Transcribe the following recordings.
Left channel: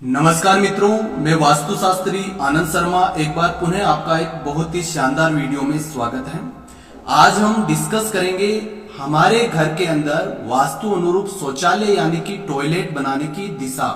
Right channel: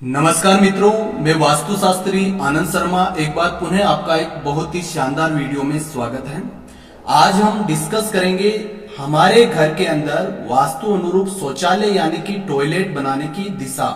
नमस्कार मित्रों, मैं वास्तुशास्त्री आनंद शर्मा एक बार पुनः आपका एक बहुत ही शानदार वीडियो में स्वागत है। आज हम डिस्कस करेंगे हमारे घर के अंदर वास्तु अनुरूप शौचालय यानी कि टॉयलेट बनाने की दिशा।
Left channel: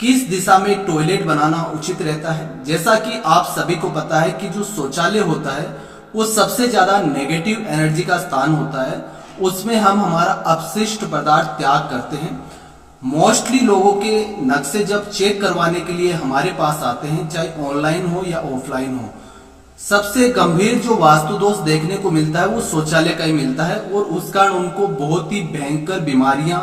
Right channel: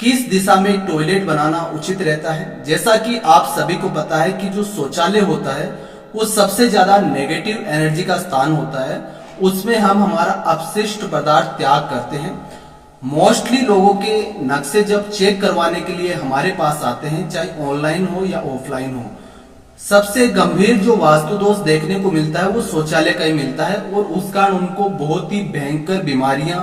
किस दिशा में टॉयलेट बनाना उचित रहता है। जैसा कि आप सभी को पता है कि जो शौचालय होता है वो सबसे ज्यादा नेगेटिव एनर्जी का स्थान होता है। उसमें हम हमारा अपशिष्ट पदार्थ त्याग करते हैं। मोस्टली लोगों के नक्शे जब चेक करवाने के लिए हमारे पास आते हैं, चाहे ऑनलाइन हो या ऑफलाइन हो, सबसे गंभीर जो वास्तु दोष देखने को मिलता है वो शौचालय का ही मिलता है। और उस कारण उनको बहुत ही भयंकर बीमारियां,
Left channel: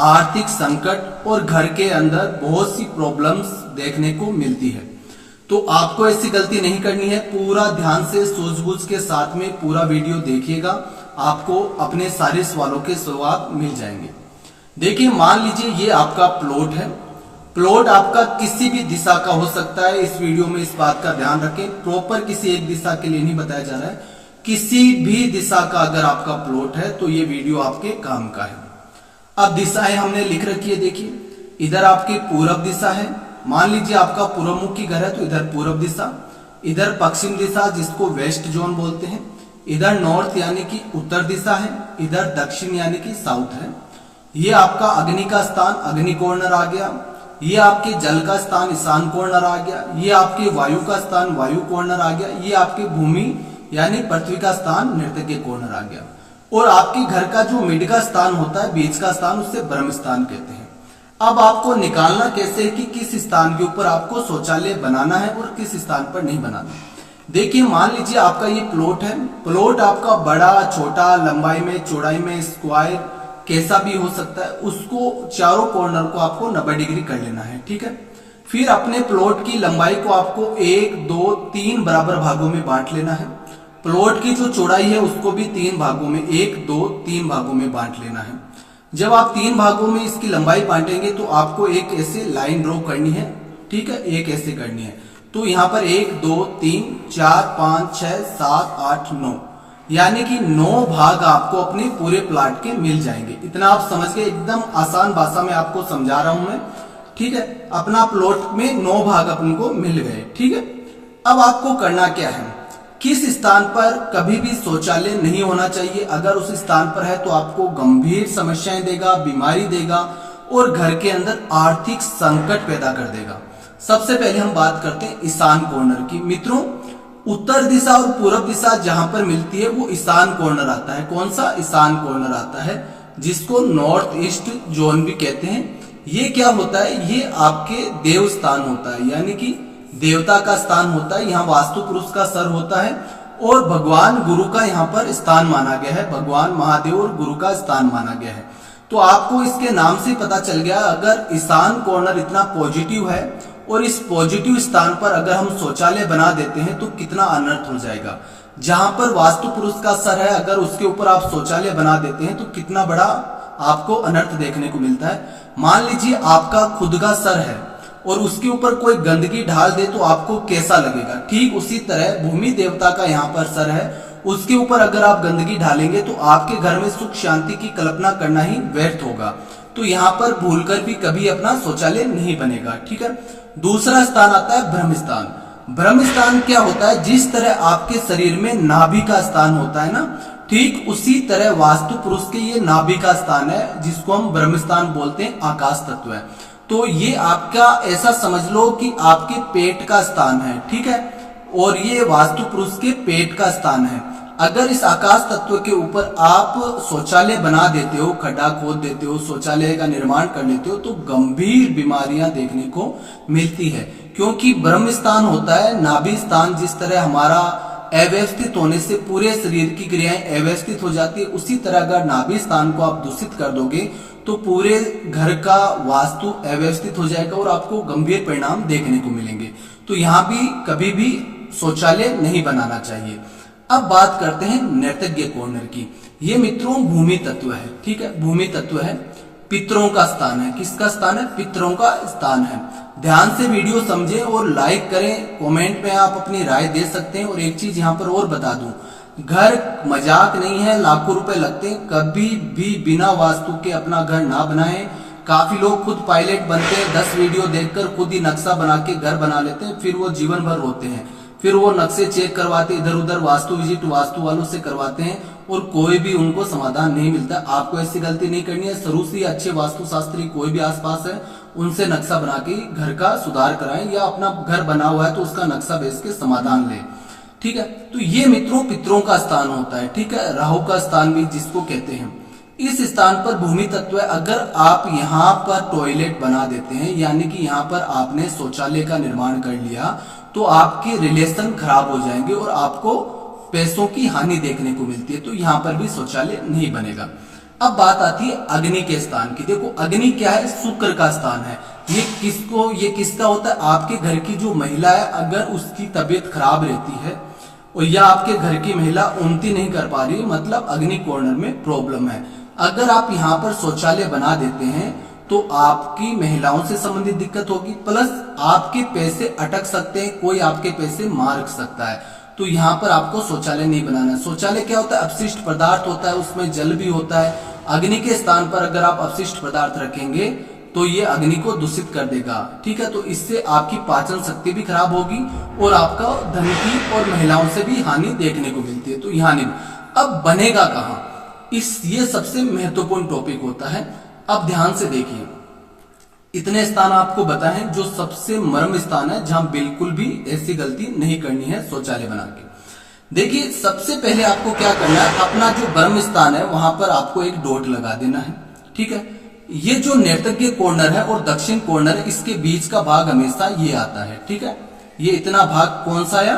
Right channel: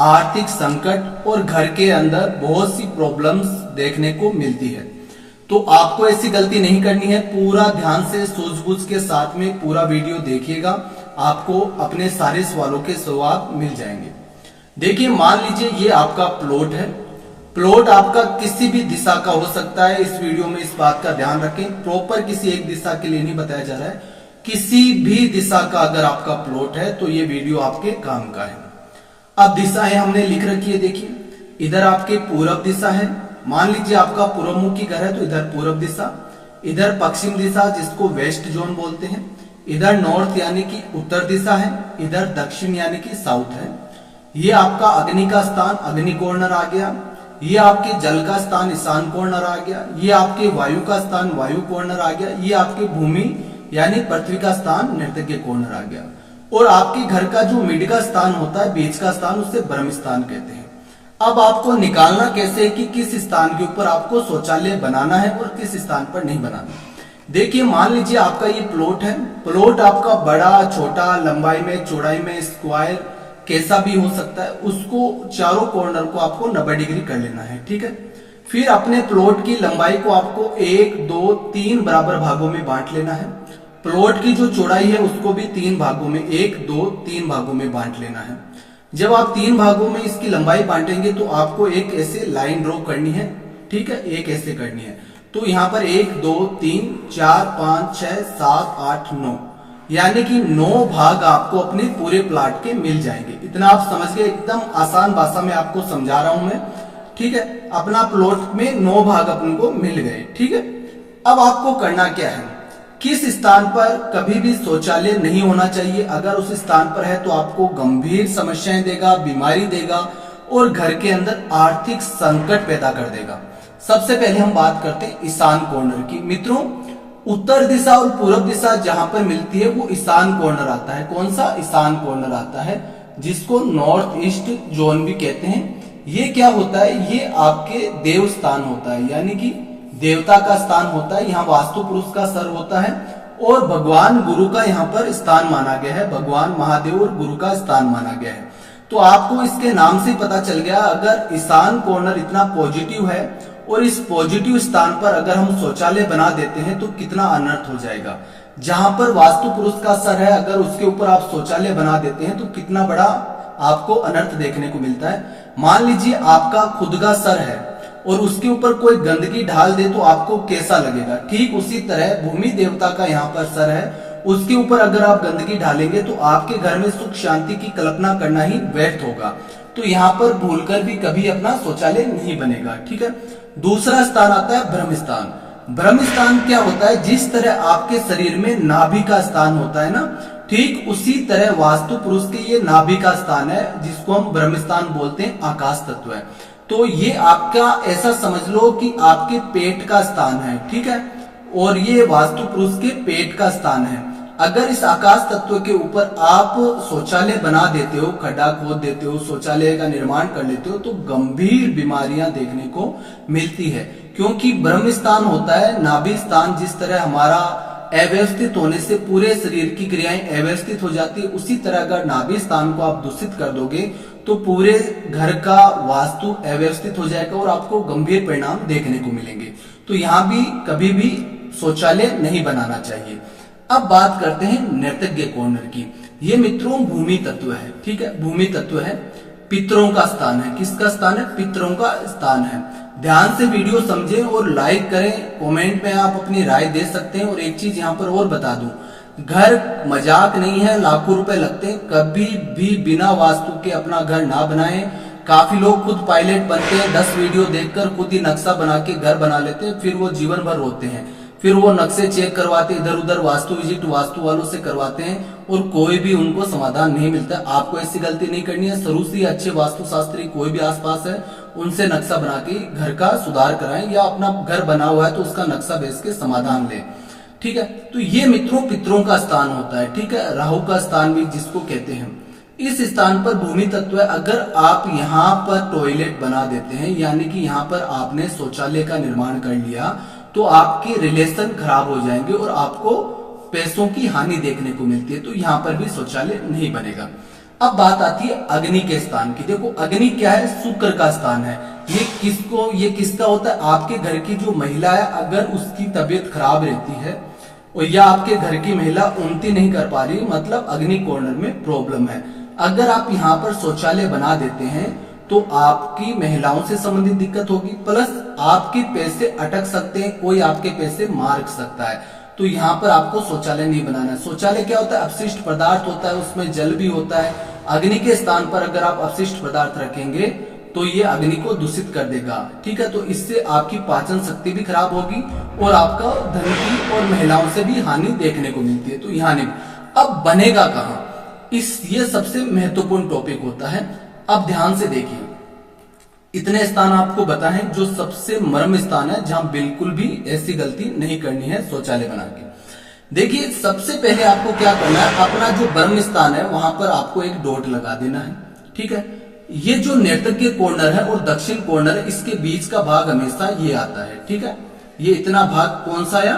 आर्थिक संकट और घर के अंदर बहुत सी प्रॉब्लम्स देखने को मिलती है। तो आपको ऐसी गलती नहीं करनी है। पूरा ध्यान से सूझबूझ के साथ में पूरा वीडियो देखिएगा, आपको अपने सारे सवालों के जवाब मिल जाएंगे। देखिए, मान लीजिए ये आपका प्लॉट है। प्लॉट आपका किसी भी दिशा का हो सकता है। इस वीडियो में इस बात का ध्यान रखें, प्रॉपर किसी एक दिशा के लिए नहीं बताया जा रहा है। किसी भी दिशा का अगर आपका प्लॉट है तो ये वीडियो आपके काम का है। अब दिशाएं हमने लिख रखी है। देखिए, इधर आपके पूरब दिशा है। मान लीजिए आपका पूर्वमुखी घर है तो इधर पूरब दिशा, इधर पश्चिम दिशा जिसको वेस्ट जोन बोलते हैं, इधर नॉर्थ यानी कि उत्तर दिशा है, इधर दक्षिण यानी कि साउथ है। ये आपका अग्नि का स्थान अग्नि कॉर्नर आ गया। ये आपके जल का स्थान ईशान कॉर्नर आ गया। ये आपके वायु का स्थान वायु कॉर्नर आ गया। ये आपके भूमि यानी पृथ्वी का स्थान नृत्य कॉर्नर आ गया। और आपके घर का जो मिड का स्थान होता है, बीच का स्थान, उससे ब्रह्म स्थान कहते हैं। अब आपको निकालना कैसे है कि किस स्थान के ऊपर आपको शौचालय बनाना है और किस स्थान पर नहीं बनाना। देखिए, मान लीजिए आपका ये प्लॉट है। प्लॉट आपका बड़ा छोटा, लंबाई में चौड़ाई में स्क्वायर कैसा भी हो सकता है। उसको चारों कॉर्नर को आपको 90 डिग्री कर लेना है। ठीक है। फिर अपने प्लॉट की लंबाई को आपको 1, 2, 3 बराबर भागों में बांट लेना है। प्लॉट की जो चौड़ाई है उसको भी 3 भागों में, 1, 2, 3 भागों में बांट लेना है। जब आप 3 भागों में इसकी लंबाई बांटेंगे तो आपको एक ऐसे लाइन ड्रॉ करनी है। ठीक है, एक ऐसे करनी है। तो यहां पर 1, 2, 3, 4, 5, 6, 7, 8, 9 यानी कि 9 भाग आपको अपने पूरे प्लाट के मिल जाएंगे। इतना आप समझ गए। एकदम आसान भाषा में आपको समझा रहा हूं मैं। ठीक है, अपना प्लॉट में 9 भाग अपन को मिल गए। ठीक है। अब आपको करना क्या है, किस स्थान पर कभी भी शौचालय नहीं होना चाहिए। अगर उस स्थान पर है तो आपको गंभीर समस्याएं देगा, बीमारी देगा और घर के अंदर आर्थिक संकट पैदा कर देगा। सबसे पहले हम बात करते हैं ईशान कॉर्नर की। मित्रों, उत्तर दिशा और पूर्व दिशा जहां पर मिलती है वो ईशान कॉर्नर आता है। कौन सा? ईशान कॉर्नर आता है, जिसको नॉर्थ ईस्ट जोन भी कहते हैं। ये क्या होता है? ये आपके देव स्थान होता है, यानी कि देवता का स्थान होता है। यहाँ वास्तु पुरुष का सर होता है और भगवान गुरु का यहाँ पर स्थान माना गया है। भगवान महादेव और गुरु का स्थान माना गया है। तो आपको इसके नाम से पता चल गया, अगर ईशान कॉर्नर इतना पॉजिटिव है और इस पॉजिटिव स्थान पर अगर हम शौचालय बना देते हैं तो कितना अनर्थ हो जाएगा। जहां पर वास्तु पुरुष का सर है, अगर उसके ऊपर आप शौचालय बना देते हैं तो कितना बड़ा आपको अनर्थ देखने को मिलता है। मान लीजिए आपका खुद का सर है और उसके ऊपर कोई गंदगी डाल दे तो आपको कैसा लगेगा। ठीक उसी तरह भूमि देवता का यहाँ पर सर है, उसके ऊपर अगर आप गंदगी डालेंगे तो आपके घर में सुख शांति की कल्पना करना ही व्यर्थ होगा। तो यहाँ पर भूलकर भी कभी अपना शौचालय नहीं बनेगा। ठीक है। दूसरा स्थान आता है ब्रह्म स्थान। ब्रह्म स्थान क्या होता है? जिस तरह आपके शरीर में नाभि का स्थान होता है ना, ठीक उसी तरह वास्तु पुरुष के ये नाभि का स्थान है, जिसको हम ब्रह्म स्थान बोलते हैं, आकाश तत्व है। तो ये आपका ऐसा समझ लो कि आपके पेट का स्थान है। ठीक है। और ये वास्तु पुरुष के पेट का स्थान है। अगर इस आकाश तत्व के ऊपर आप शौचालय बना देते हो, खड्डा खोद देते हो, शौचालय का निर्माण कर लेते हो, तो गंभीर बीमारियां देखने को मिलती है। क्योंकि ब्रह्म स्थान होता है नाभि स्थान। जिस तरह हमारा अव्यवस्थित होने से पूरे शरीर की क्रियाएं अव्यवस्थित हो जाती है, उसी तरह अगर नाभि स्थान को आप दूषित कर दोगे तो पूरे घर का वास्तु अव्यवस्थित हो जाएगा और आपको गंभीर परिणाम देखने को मिलेंगे। तो यहाँ भी कभी भी शौचालय नहीं बनाना चाहिए। अब बात करते हैं नैर्तज्ञ कॉर्नर की। ये मित्रों भूमि तत्व है। ठीक है, भूमि तत्व है, पितरों का स्थान है। किसका स्थान है? पितरों का स्थान है। ध्यान से वीडियो समझें और लाइक करें। कमेंट में आप अपनी राय दे सकते हैं। और एक चीज यहाँ पर और बता दूं, घर मजाक नहीं है, लाखों रुपए लगते हैं। कभी भी बिना वास्तु के अपना घर ना बनाएं। काफी लोग खुद पायलट बनते हैं, 10 वीडियो देखकर खुद ही नक्शा बना के घर बना लेते हैं, फिर वो जीवन भर रोते हैं। फिर वो नक्शे चेक करवाते, इधर उधर वास्तु विजिट वास्तु वालों से करवाते हैं और कोई भी उनको समाधान नहीं मिलता। आपको ऐसी गलती नहीं करनी है। शुरू से ही अच्छे वास्तु शास्त्री कोई भी आसपास है उनसे नक्शा बना के घर का सुधार कराएं, या अपना घर बना हुआ है तो उसका नक्शा बेच के समाधान लें। ठीक है, तो ये मित्रों पितरों का स्थान होता है। ठीक है, राहु का स्थान भी जिसको कहते हैं। इस स्थान पर भूमि तत्व है। अगर आप यहाँ पर टॉयलेट बना देते हैं, यानी कि यहाँ पर आपने शौचालय का निर्माण कर लिया, तो आपके रिलेशन खराब हो जाएंगे और आपको पैसों की हानि देखने को मिलती है। तो यहाँ पर भी शौचालय नहीं बनेगा। अब बात आती है अग्नि के स्थान की। देखो अग्नि क्या है, शुक्र का स्थान है। ये किसका होता है, आपके घर की जो महिला है, अगर उसकी तबीयत खराब रहती है और या आपके घर की महिला उन्नति नहीं कर पा रही, मतलब अग्नि कॉर्नर में प्रॉब्लम है। अगर आप यहाँ पर शौचालय बना देते हैं तो आपकी महिलाओं से संबंधित दिक्कत होगी, प्लस आपके पैसे अटक सकते हैं, कोई आपके पैसे मार सकता है। तो यहाँ पर आपको शौचालय नहीं बनाना है। शौचालय क्या होता है, अपशिष्ट पदार्थ होता है, उसमें जल भी होता है। अग्नि के स्थान पर अगर आप अपशिष्ट पदार्थ रखेंगे तो ये अग्नि को दूषित कर देगा। ठीक है, तो इससे आपकी पाचन शक्ति भी खराब होगी और आपका धन की और महिलाओं से भी हानि देखने को मिलती है। तो यहाँ नहीं। अब बनेगा कहाँ, ये सबसे महत्वपूर्ण टॉपिक होता है। अब ध्यान से देखिए, इतने स्थान आपको बताएं जो सबसे मर्म स्थान है, जहां बिल्कुल भी ऐसी गलती नहीं करनी है शौचालय बना के। देखिए सबसे पहले आपको क्या करना है, अपना जो ब्रह्म स्थान है वहां पर आपको एक डॉट लगा देना है। ठीक है, ये जो नैर्तज्ञ कॉर्नर है और दक्षिण कॉर्नर है, इसके बीच का भाग हमेशा ये आता है। ठीक है, ये इतना भाग कौन सा है,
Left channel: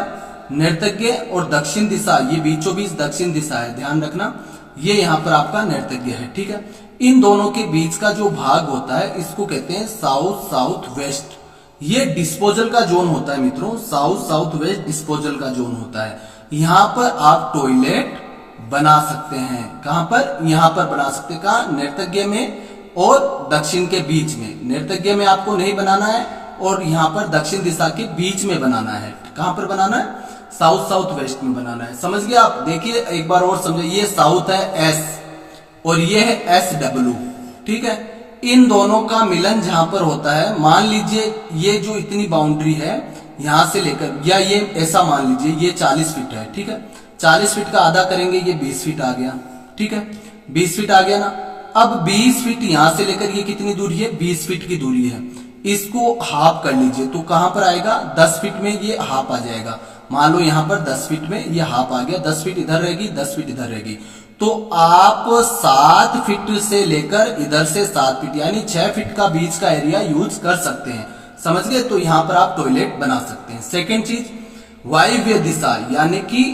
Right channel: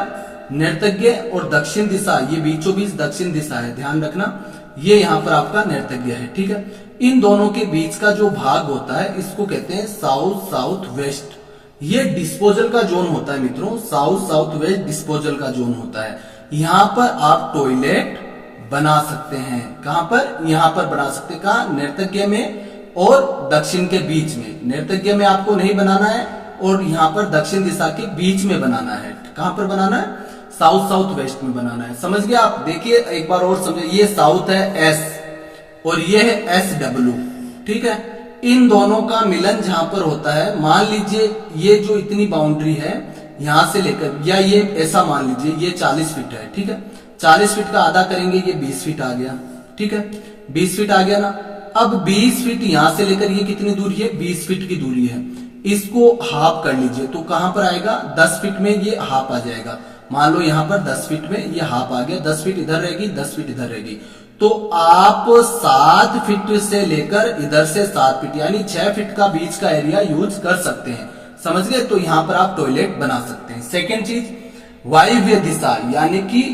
नैर्तज्ञ और दक्षिण दिशा, ये बीचों बीच दक्षिण दिशा है, ध्यान रखना। ये यहाँ पर आपका नैर्तज्ञ है। ठीक है, इन दोनों के बीच का जो भाग होता है इसको कहते हैं साउथ साउथ वेस्ट। ये डिस्पोजल का जोन होता है मित्रों, साउथ साउथ वेस्ट डिस्पोजल का जोन होता है। यहाँ पर आप टॉयलेट बना सकते हैं। कहां पर, यहां पर बना सकते हैं। कहा, नैर्तज्ञ में और दक्षिण के बीच में। नैर्तज्ञ में आपको नहीं बनाना है और यहाँ पर दक्षिण दिशा के बीच में बनाना है। कहां पर बनाना है, साउथ साउथ वेस्ट में बनाना है। समझ गए आप। देखिए एक बार और समझे, ये साउथ है एस और ये है एस डब्ल्यू। ठीक है, इन दोनों का मिलन जहां पर होता है, मान लीजिए ये जो इतनी बाउंड्री है यहां से लेकर, या ये ऐसा मान लीजिए ये 40 फीट है। ठीक है, 40 फीट का आधा करेंगे, ये 20 फीट आ गया। ठीक है, 20 फीट आ गया ना। अब 20 फीट यहां से लेकर ये कितनी दूरी है, 20 फीट की दूरी है। इसको हाफ कर लीजिए तो कहां पर आएगा, 10 फीट में ये हाफ आ जाएगा। मान लो यहां पर 10 फीट में ये हाफ आ गया, 10 फीट इधर रहेगी, 10 फीट इधर रहेगी। तो आप 7 फीट से लेकर इधर से 7 फीट यानी 6 फीट का बीच का एरिया यूज कर सकते हैं। समझ गए। तो यहां पर आप टॉयलेट बना सकते हैं। सेकेंड चीज, वायव्य दिशा यानी कि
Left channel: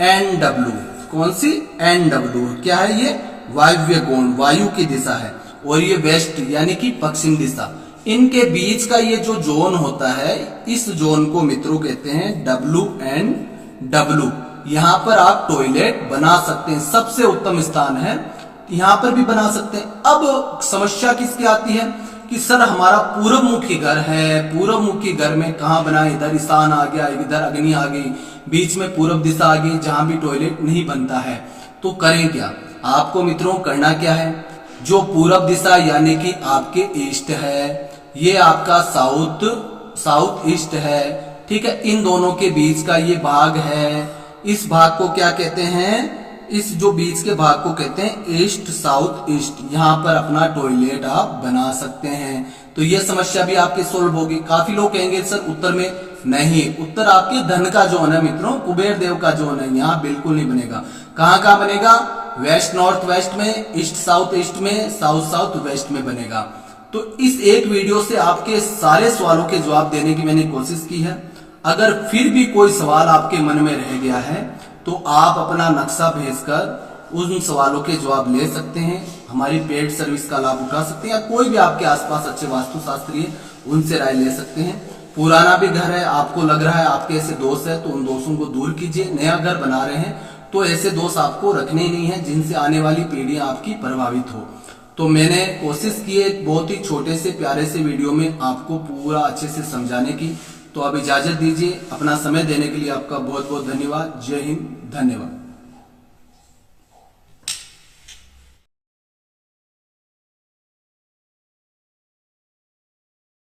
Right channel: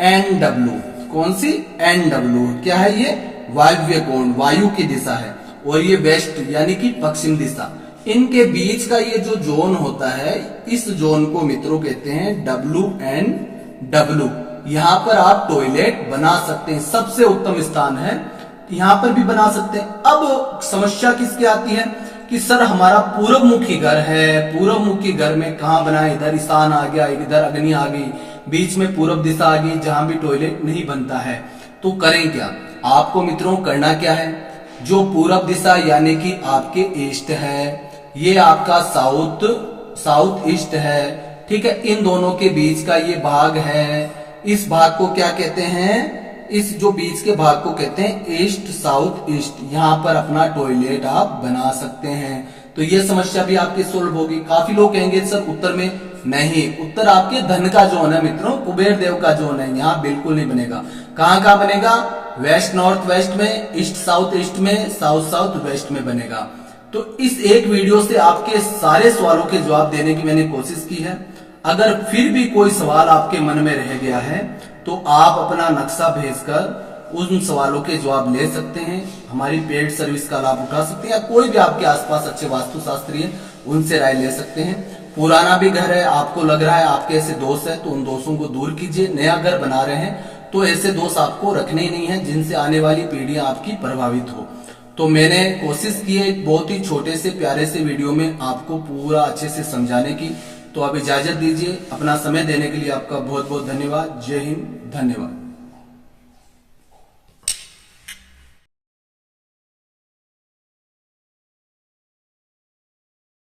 NW। कौन सी, NW क्या है, ये वायव्य कोण, वायु की दिशा है। और ये वेस्ट यानी कि पश्चिम दिशा। इनके बीच का ये जो जोन होता है, इस जोन को मित्रों कहते हैं WNW। यहां पर आप टॉयलेट बना सकते हैं, सबसे उत्तम स्थान है, यहां पर भी बना सकते हैं। अब समस्या किसकी आती है कि सर हमारा पूर्व मुखी घर है, पूर्व मुखी घर में कहां बनाए, इधर ईशान आ गया, इधर अग्नि आ गई, बीच में पूर्व दिशा आ गई, जहां भी टॉयलेट नहीं बनता है। तो करें क्या, आपको मित्रों करना क्या है, जो पूर्व दिशा यानी कि आपके ईस्ट है, ये आपका साउथ ईस्ट है। ठीक है, इन दोनों के बीच का ये भाग है, इस भाग को क्या कहते हैं, इस जो बीच के भाग को कहते हैं ईस्ट साउथ ईस्ट। यहाँ पर अपना टॉयलेट आप बना सकते हैं। तो ये समस्या भी आपकी सोल्व होगी। काफी लोग कहेंगे सर उत्तर में, नहीं, उत्तर आपके धन का जोन है मित्रों, कुबेर देव का जोन है, यहाँ बिल्कुल नहीं बनेगा। कहाँ बनेगा, वेस्ट नॉर्थ वेस्ट में, ईस्ट साउथ ईस्ट में, साउथ साउथ वेस्ट में बनेगा। तो इस एक वीडियो से आपके सारे सवालों के जवाब देने की मैंने कोशिश की है। अगर फिर भी कोई सवाल आपके मन में रह गया है तो आप अपना नक्शा भेजकर उन सवालों के जवाब ले सकते हैं, हमारी पेड सर्विस का लाभ उठा सकते हैं, या कोई भी आपके आसपास अच्छे वास्तुशास्त्री हैं उनसे राय ले सकते हैं। पुराना भी घर है, आपको लग रहा है आपके ऐसे दोस्त है तो उन दोस्तों को दूर कीजिए। नया घर बना रहे हैं तो ऐसे दोस्त आपको रखने ही नहीं है जिनसे आने वाली पीढ़ियां आपकी प्रभावित हो। तो मैंने कोशिश की है एक बहुत ही छोटे से प्यारे से वीडियो में आपको पूरा अच्छे से समझाने की। तो आप इजाजत दीजिए। अपना समय देने के लिए आपका बहुत बहुत धन्यवाद। जय हिंद, धन्यवाद।